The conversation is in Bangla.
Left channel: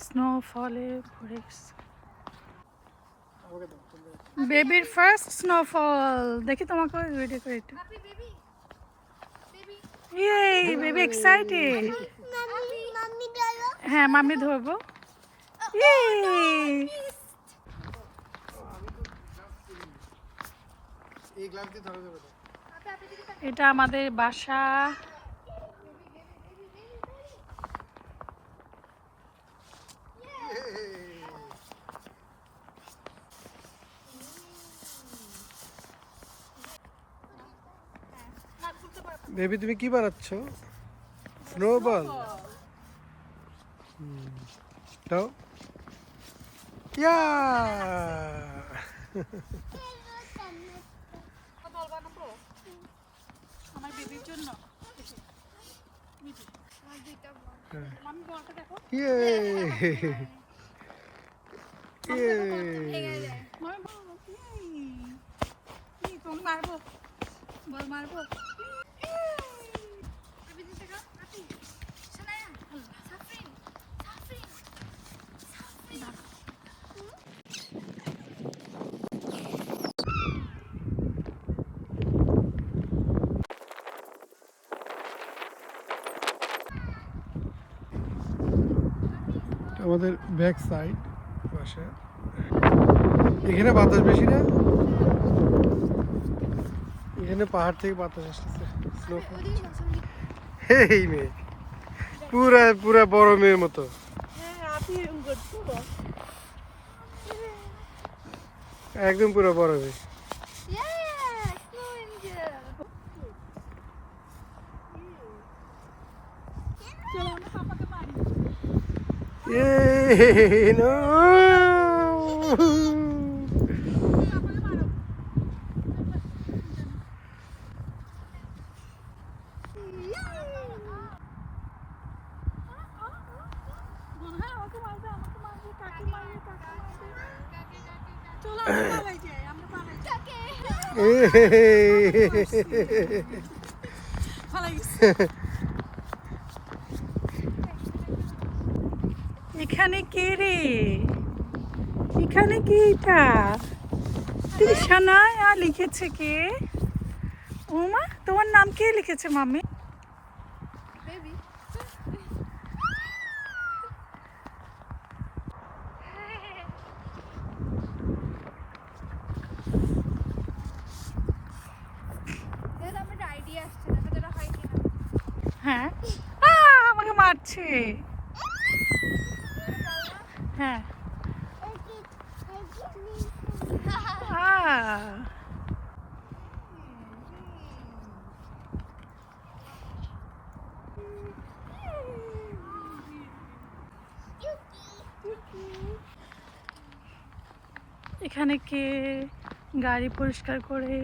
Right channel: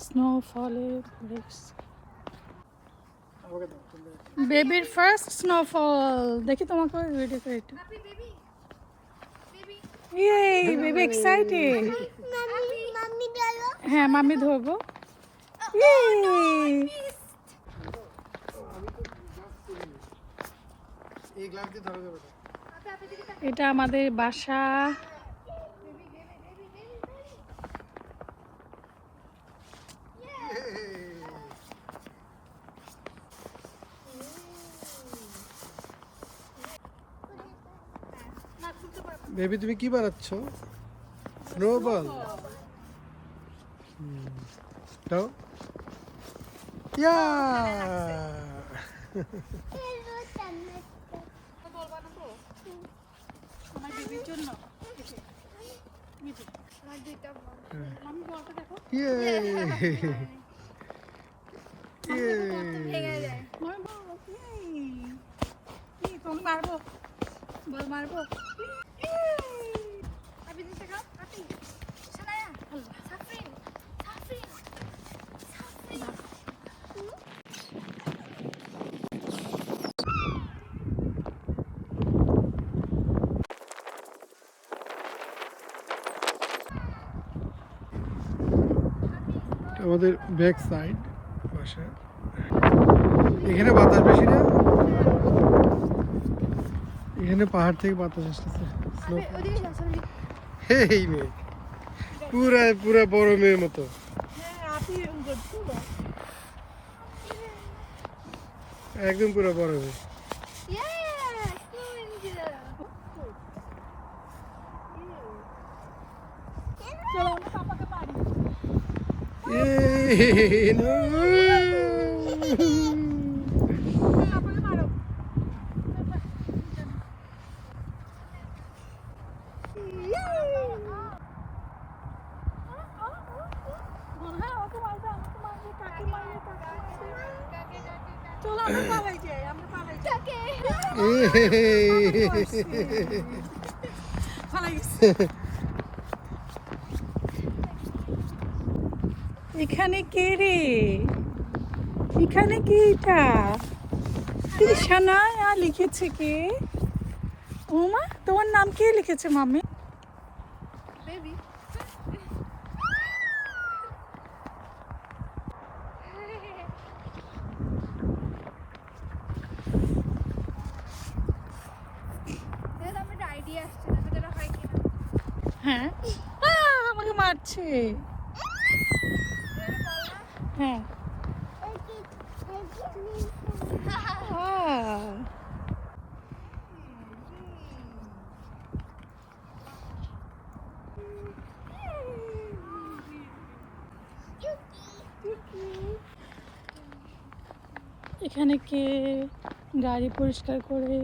স্নোফলের বেবির ফার্স্ট স্নোফল দেখি তোমাকে ভিডিও করে একটু এই বেবি এক্সাইটেড হ্যাঁ মাম্মি ধরবো এটা আমাদের বাসা বেবি তুমি কি বানাচ্ছ স্নোবল তো ইয়া আমার বেবির জন্য মারবো বল মারবো আমাদের ব্যাক সাইড বাসা এখানে বাতাস বেশি না এখানে পাহাড় থেকে বাতাস আসতেছে এই মেয়ে পুরা পুরা বড় মেয়ের মতো একদম পুরো বড় মেয়ে এখানে কে রে এখানে কে এটা তৃষানা লিখেছে কে ওমা তোমার নাম কে লিখেছে মাম্মি বেবি হ্যাঁ আমাকে মারছে হ্যাঁ এখানে কে গাড়ি পরিষ্কার করে